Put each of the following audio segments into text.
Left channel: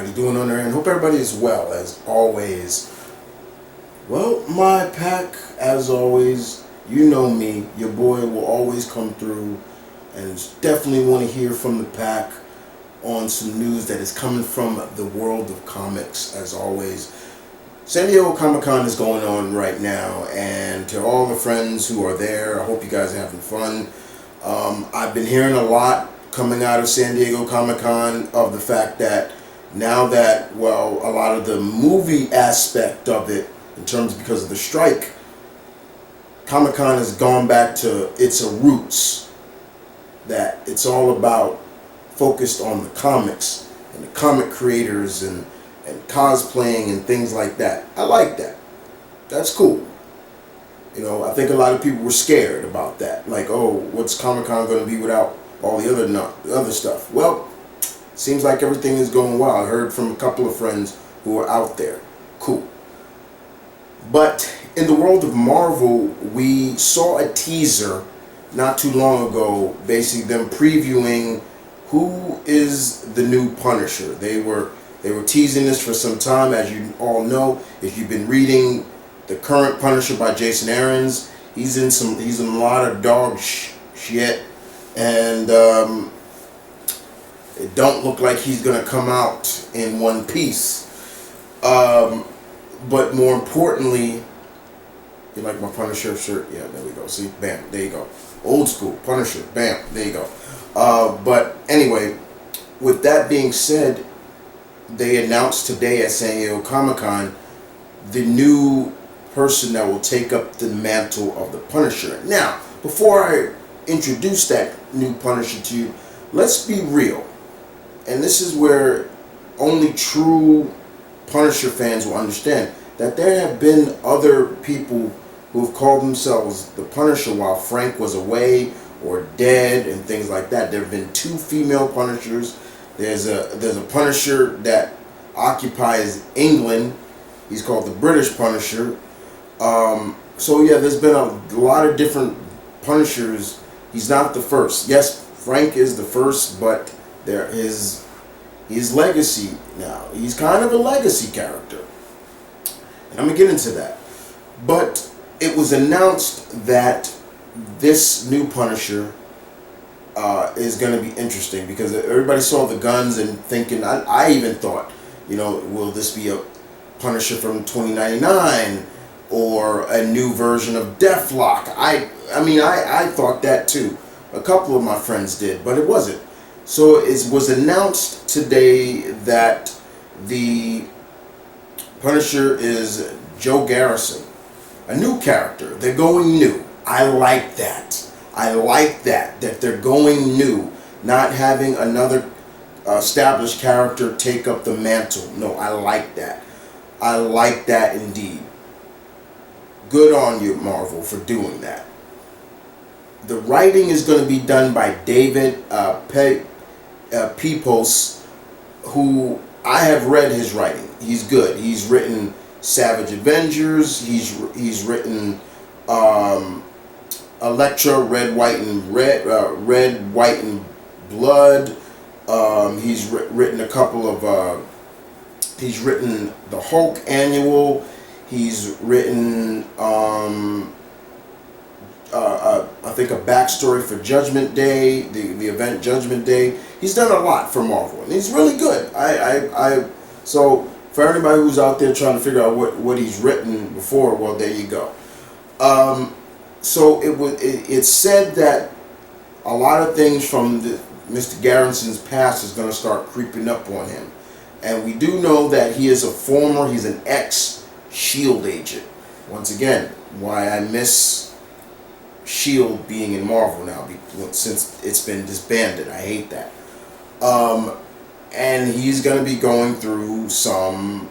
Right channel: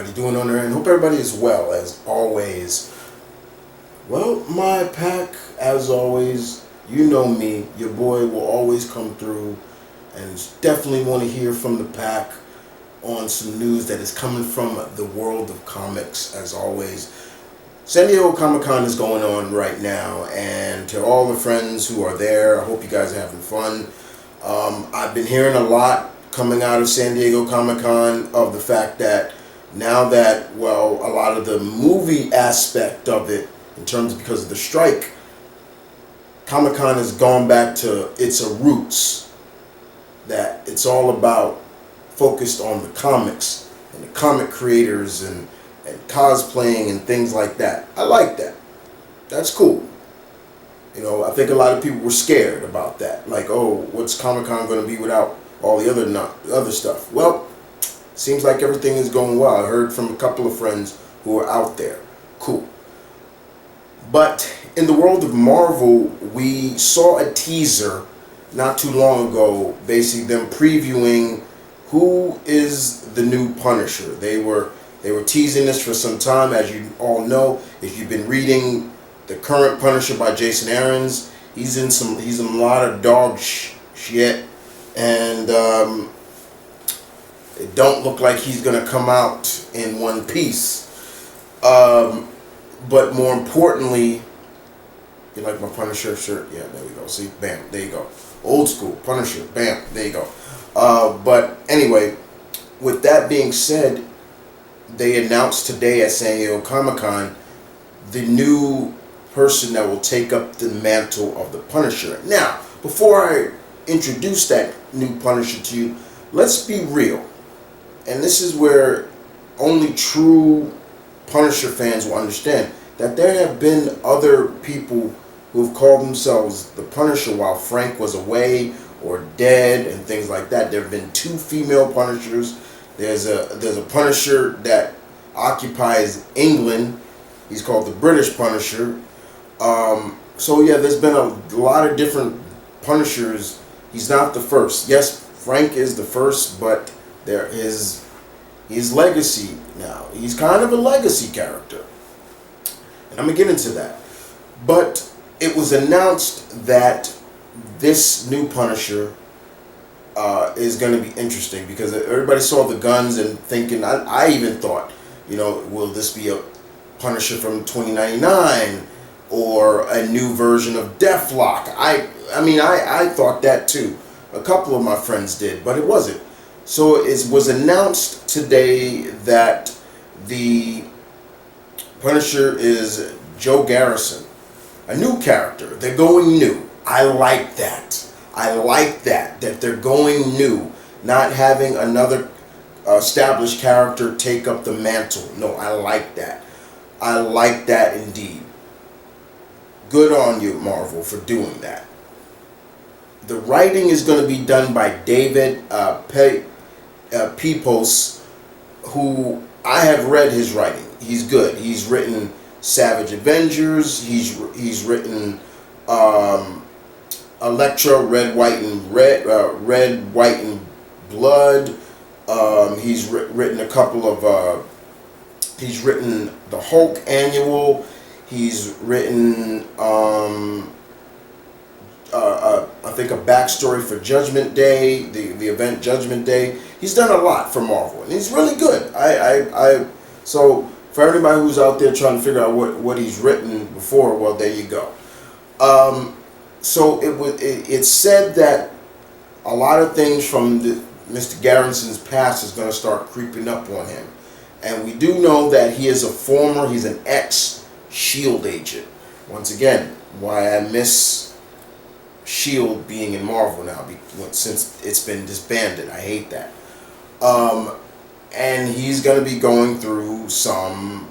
everybody doing on their end? Hope everybody is well, as always. Well, my pack, as always, you know me, your boy will always come through and definitely want to hear from the pack on some news that is coming from the world of comics, as always. San Diego Comic-Con is going on right now, and to all the friends who are there, I hope you guys are having fun. I've been hearing a lot coming out of San Diego Comic-Con of the fact that now that, well, a lot of the movie aspect of it, in terms because of the strike, Comic-Con has gone back to its roots, that it's all about focused on the comics and the comic creators and cosplaying and things like that. I like that. That's cool. You know, I think a lot of people were scared about that. Like, oh, what's Comic-Con going to be without all the other stuff? Well, seems like everything is going well. I heard from a couple of friends who are out there. Cool. But in the world of Marvel, we saw a teaser not too long ago, basically them previewing who is the new Punisher. They were teasing this for some time, as you all know. If you've been reading the current Punisher by Jason Aaron's, he's in a lot of dog shit, and it don't look like he's gonna come out in one piece. But more importantly, you like my Punisher shirt? Yeah, there we go. See, bam, there you go. Old school Punisher, bam, there you go. But anyway, with that being said, they announced today at San Diego Comic-Con the new person that will take up the mantle of the Punisher. Now, before I introduce that new Punisher to you, let's be real. And this is where only true Punisher fans will understand that there have been other people who have called themselves the Punisher while Frank was away or dead and things like that. There have been 2 female Punishers. There's a Punisher that occupies England. He's called the British Punisher. So yeah, there's been a lot of different Punishers. He's not the first. Yes, Frank is the first, but there is his legacy now. He's kind of a legacy character. And I'm going to get into that. But it was announced that this new Punisher is going to be interesting because everybody saw the guns and thinking, I even thought, you know, will this be a Punisher from 2099 or a new version of Deathlock? I mean, I thought that too. A couple of my friends did, but it wasn't. So it was announced today that the Punisher is Joe Garrison, a new character. They're going new. I like that. I like that they're going new, not having another established character take up the mantle. No, I like that. I like that indeed. Good on you, Marvel, for doing that. The writing is going to be done by David Pepose, who I have read his writing. He's good. He's written Savage Avengers. He's written Elektra, Red, White, and Blood. He's written a couple of. He's written the Hulk Annual. He's written I think a backstory for Judgment Day, the event Judgment Day. He's done a lot for Marvel, and he's really good. So for everybody who's out there trying to figure out what he's written before, well, there you go. So it's said that a lot of things from Mr. Garrison's past is going to start creeping up on him, and we do know that he's an ex-SHIELD agent. Once again, why I miss SHIELD being in Marvel now, since it's been disbanded. I hate that. And he's going to be going through some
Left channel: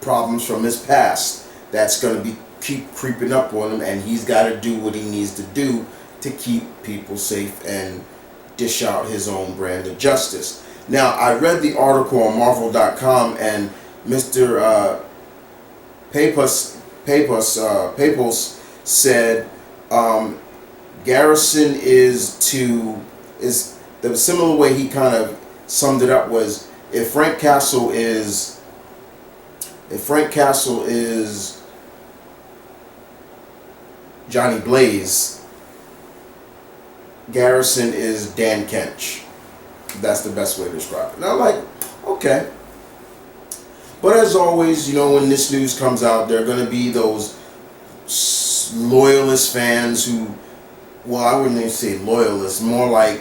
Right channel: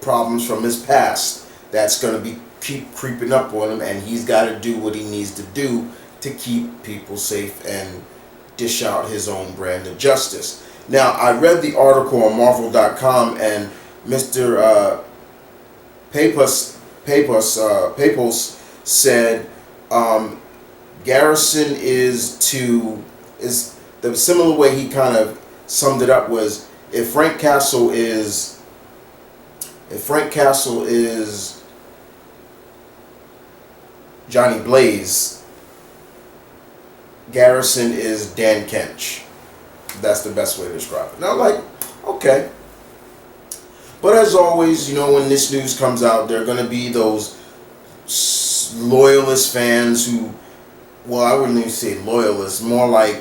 problems from his past that's going to keep creeping up on him, and he's got to do what he needs to do to keep people safe and dish out his own brand of justice. Now, I read the article on Marvel.com, and Mr. Pepose said Garrison is the similar way he kind of summed it up was if Frank Castle is Johnny Blaze, Garrison is Dan Kench. That's the best way to describe it. And I'm like, okay. But as always, when this news comes out, there are going to be those loyalist fans who, well, I wouldn't even say loyalists, more like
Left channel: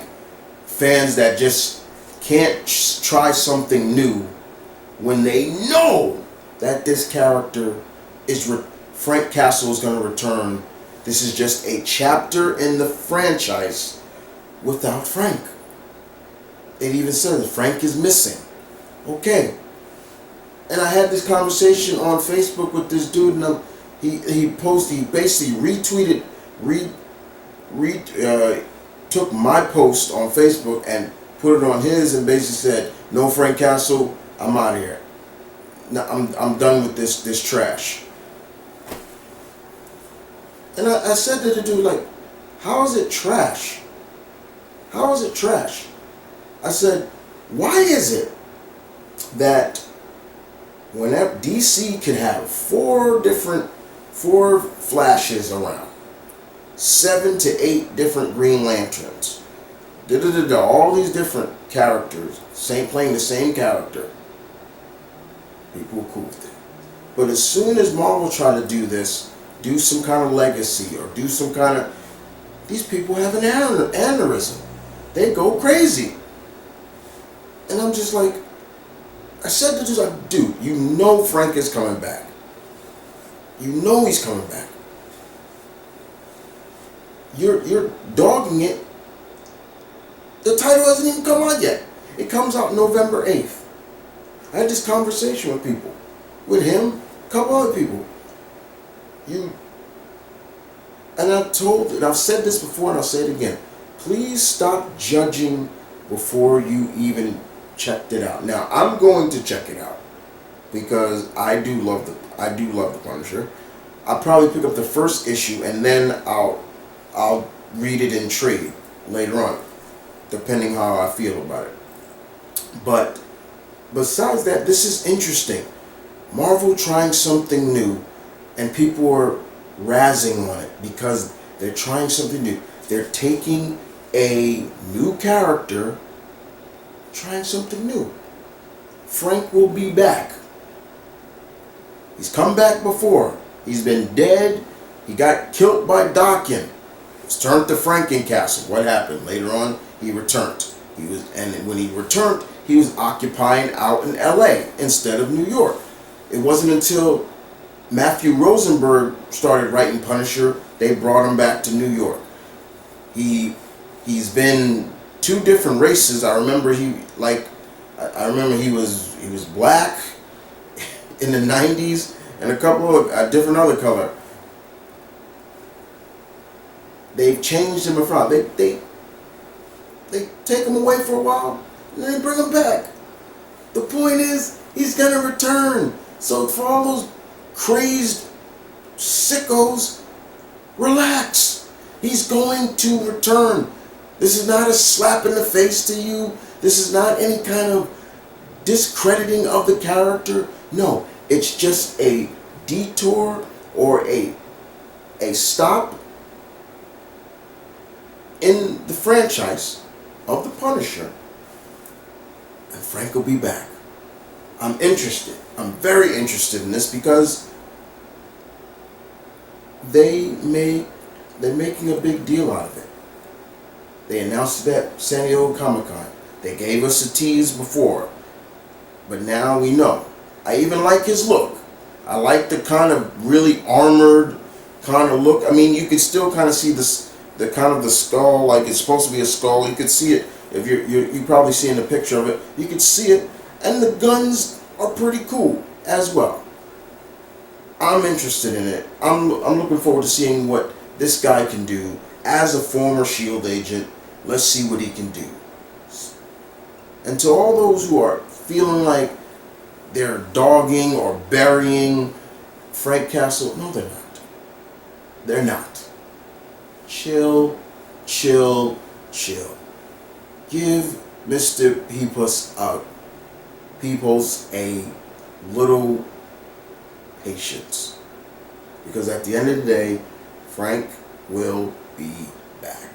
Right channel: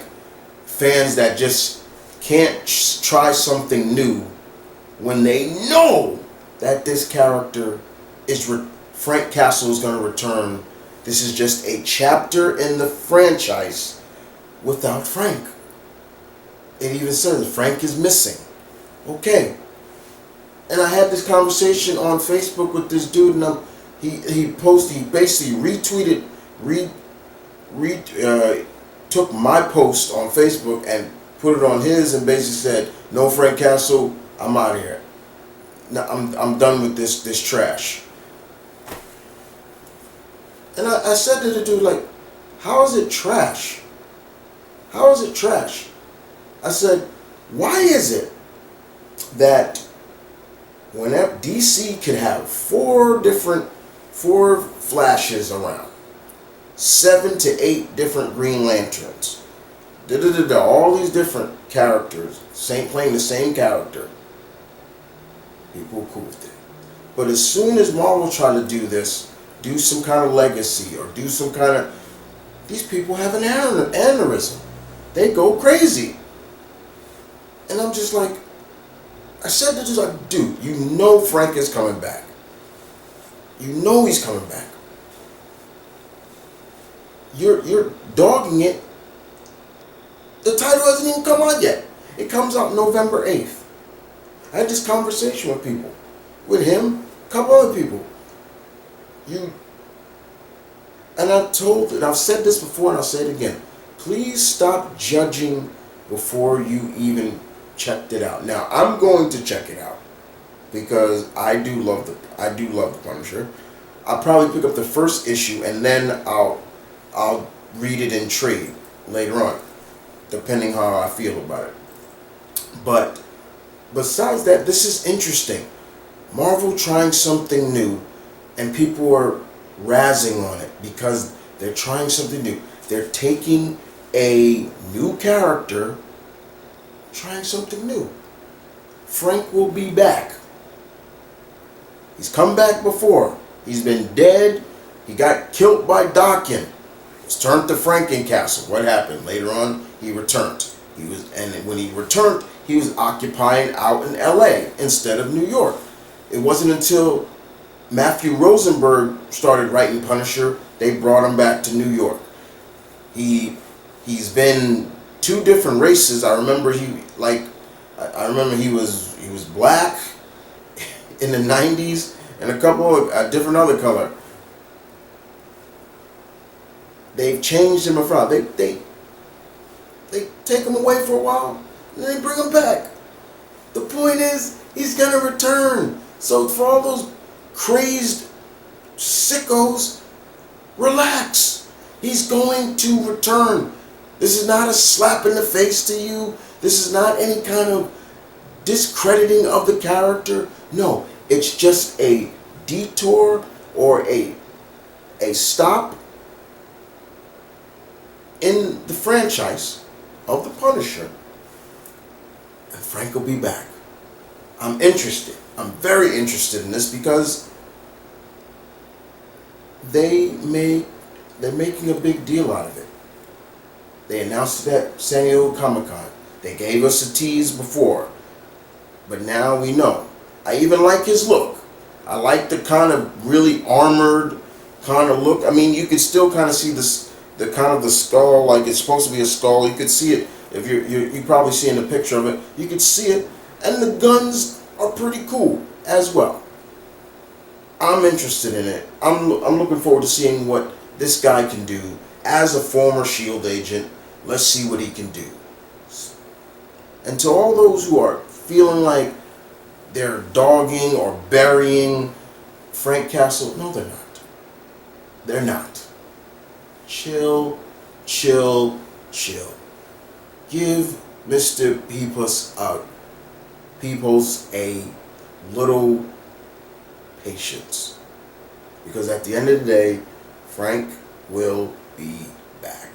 fans that just can't try something new when they know that this character Frank Castle is going to return. This is just a chapter in the franchise without Frank. It even says Frank is missing. Okay. And I had this conversation on Facebook with this dude, and he basically retweeted, took my post on Facebook and put it on his, and basically said, "No Frank Castle, I'm out of here. No, I'm done with this trash." And I said to the dude, like, "How is it trash? How is it trash?" I said, "Why is it that whenever DC could have four Flashes around, 7 to 8 different Green Lanterns, all these different characters, playing the same character, people were cool with it. But as soon as Marvel tried to do this, do some kind of legacy or do some kind of, these people have an aneurysm. They go crazy." And I'm just like, I said to this, like, dude, Frank is coming back. He's coming back. You're dogging it. The title hasn't even come out yet. It comes out November 8th. I had this conversation with people. With him, a couple other people. And I've said this before and I'll say it again. Please stop judging before you even checked it out. Now, I'm going to check it out because I do love the Punisher. I'll probably pick up the first issue and then I'll read it in trade later on, depending how I feel about it. But besides that, this is interesting. Marvel trying something new, and people are razzing on it because they're trying something new. They're taking a new character, trying something new. Frank will be back. He's come back before. He's been dead. He got killed by Daken. Was turned to Frankencastle. What happened? Later on, he returned. And when he returned, he was occupying out in L.A. instead of New York. It wasn't until Matthew Rosenberg started writing Punisher, they brought him back to New York. He's been 2 different races. I remember he was black in the 90s and a couple of a different other color. They've changed him around. They take him away for a while and then they bring him back. The point is, he's gonna return. So for all those crazed sickos, relax. He's going to return. This is not a slap in the face to you. This is not any kind of discrediting of the character. No, it's just a detour or a stop in the franchise of the Punisher. And Frank will be back. I'm interested. I'm very interested in this because they're making a big deal out of it. They announced it at San Diego Comic-Con. They gave us a tease before. But now we know. I even like his look. I like the kind of really armored kind of look. I mean, you could still kind of see the kind of the skull, like it's supposed to be a skull. You could see it if you probably seeing the picture of it. You could see it, and the guns are pretty cool as well. I'm interested in it. I'm looking forward to seeing what this guy can do as a former S.H.I.E.L.D. agent. Let's see what he can do. And to all those who are feeling like they're dogging or burying Frank Castle, no, they're not. They're not. Chill, chill, chill. Give Mr. Peepus peoples a little patience. Because at the end of the day, Frank will be back.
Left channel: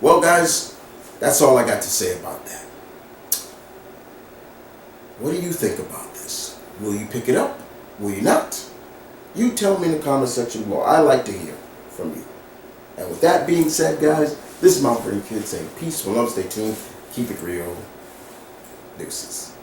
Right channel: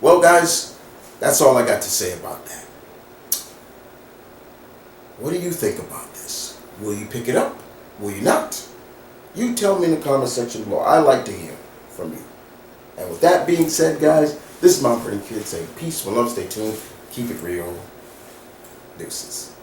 Well, guys, that's all I got to say about that. What do you think about this? Will you pick it up? Will you not? You tell me in the comment section below. I like to hear from you. And with that being said, guys, this is M.V.K saying peace, one love, stay tuned, keep it real. Deuces.